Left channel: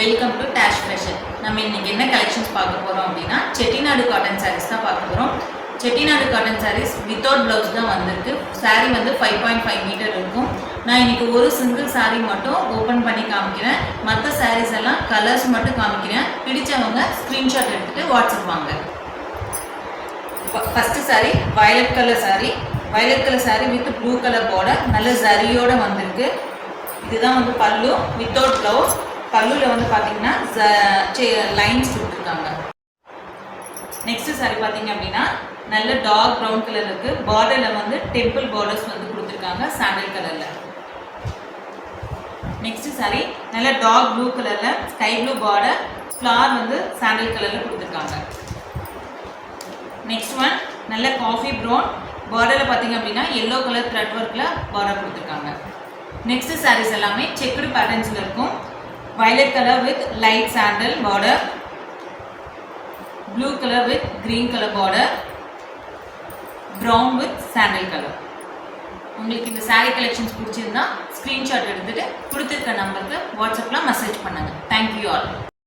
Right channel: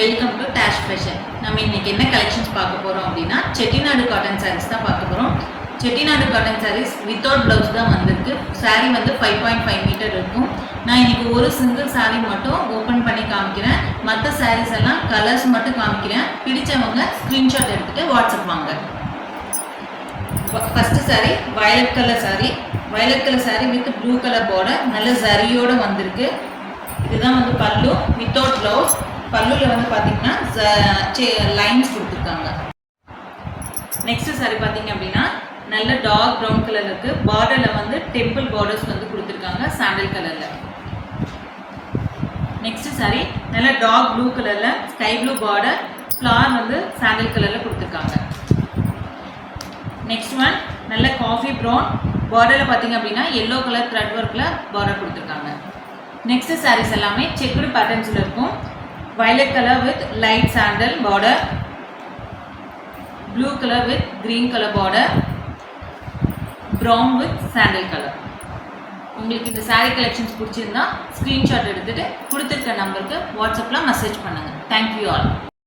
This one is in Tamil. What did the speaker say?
Welcome to dash fashion. நம்ம இன்னைக்கு என்ன கலெக்ஷன்ஸ் பார்க்க போகிறோம் அப்படின்னா செட்டிநாடு காட்டன் சாரீஸ் தான் பார்க்க போகிறோம். Chettinad cotton saris without blouse தான் வந்திருக்கு. சாரீ வந்து 5.5 மீட்டர் இருக்கும். நான் இன்னைக்கு ஒரு சிங்கிள் சாரீ மட்டும் ஓப்பன் பண்ணி காமிக்கிறேன். மற்ற சாரீஸ் எல்லாம் கலர்ஸ் மட்டும் காமிக்கிறேன். பிடிச்சவங்க ஸ்க்ரீன்ஷாட் எடுத்துகிட்டு வாட்ஸ்அப் வாங்க. First sari violet colour sari. Violet colour sari with blue colour border, நல்ல ஜரியோடு வந்திருக்கு. இதுதான் வந்து பல்லு வித்தவுட் ப்ளவுஸ். பல்லுவில் வந்து பார்த்தீங்கன்னா லைன்ஸ் கொடுத்துருக்காங்க. நெக்ஸ்ட் சாரி பார்த்தீங்க அப்படின்னா நல்ல டார்க் ப்ரௌன் கலர் இருக்குது. பார்டரில் வந்து டெம்பிள் பார்டர்ஸ் வந்து கொடுத்துருக்காங்க சாண்டல் கலரில். நெக்ஸ்ட் சாரி நல்ல டார்க் ப்ளூ கலரில் ஸ்கை ப்ளூ பார்டர், ஃப்ளார் வந்து சாண்டல் கலரில் கொடுத்துருக்காங்க. நெக்ஸ்ட் ஒன் நல்ல காஃபி ப்ரௌன், பார்டரில் பார்த்தீங்க அப்படின்னா எல்லோ கலர் த்ரெட் ஒர்க்கில் பார்டர் கொடுத்துருக்காங்க. நெக்ஸ்ட் சாரீஸ் எல்லாமே செக்குடு பேட்டர்ன்ஸில் இருக்கும். violet color with light sandal border, blue color with green color border, brown with sandal color. உங்களுக்கு இந்த saree collections பிடிச்சிருந்தா ஸ்க்ரீன்ஷாட் எடுத்துட்டு கொடுத்துருக்க நம்பருக்கு வாட்ஸ்அப்பில் மெசேஜ் பண்ணுங்கள். Thank you all.